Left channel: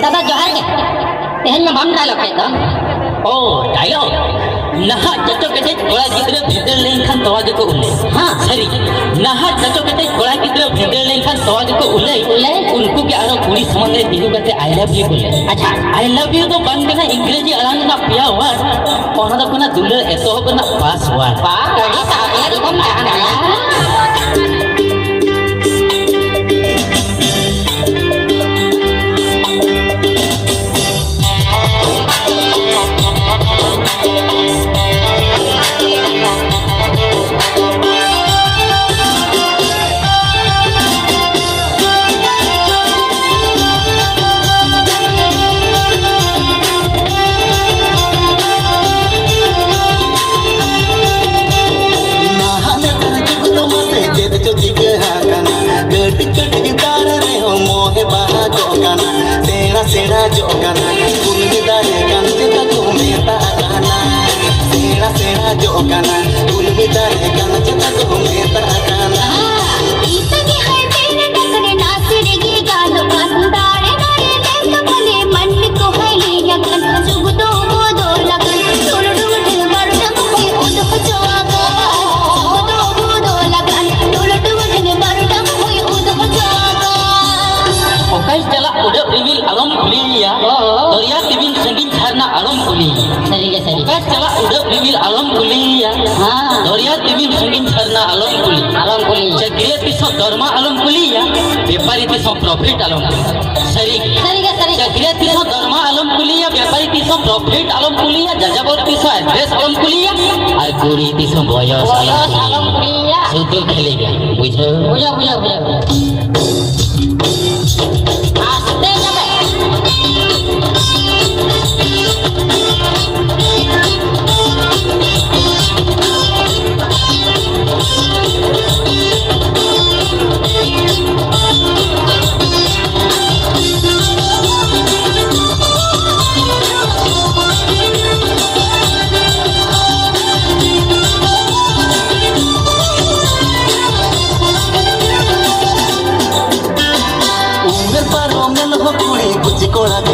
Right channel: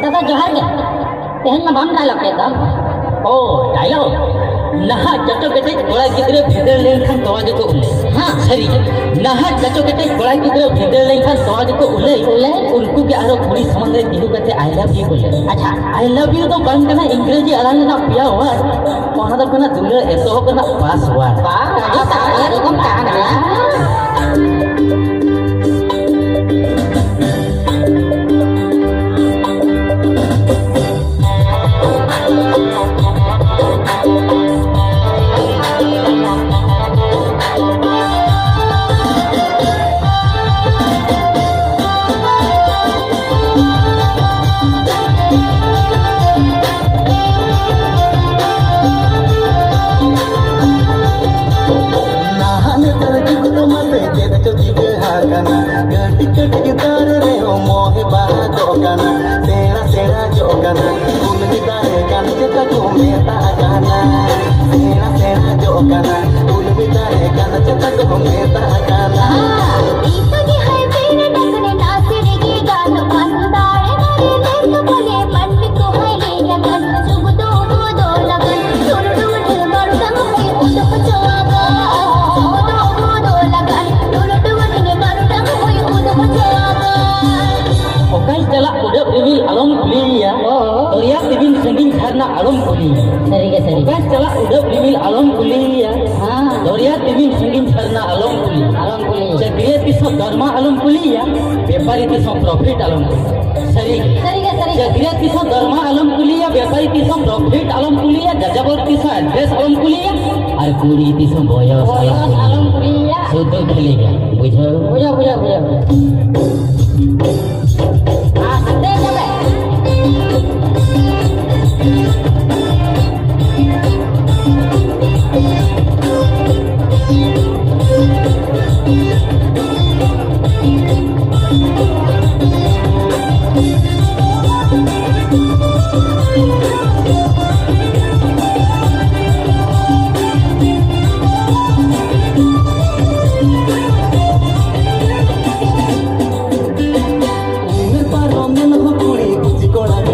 दादा जोहार के तेहन में बाम डायलॉग है तो ओ डायलॉग नहा जतो केटे कोड़ा गिद्रे भिदर लेनखान तवा गेको उले हां सरी नहा जतो केटे कोड़ा गिद्रे भिदर लेनखान तवा गेको उले उनको के आरो कुड़ी समान रे दिनु कते आई लव यू बोले अच्छा आई लव यू तो बंद करना इंग्रेजी अलांग ना पिया हुआ ओना तो कना दुले एतो हो कना पासवर्ड पा का ताया तो कम ताना व्यापारी तीसों प्रॉफिट आलम सरी चक्रिया तीसों धर्मा आलम कुलिया व्यापारी तीसों प्रॉफिट आलम कुलिया जजाबर तीसों एड्रेस आलम कुलिया और कुड़ी तीसों बॉयस आलम कुलिया सुतो खेलेगा बुझो कोड़ा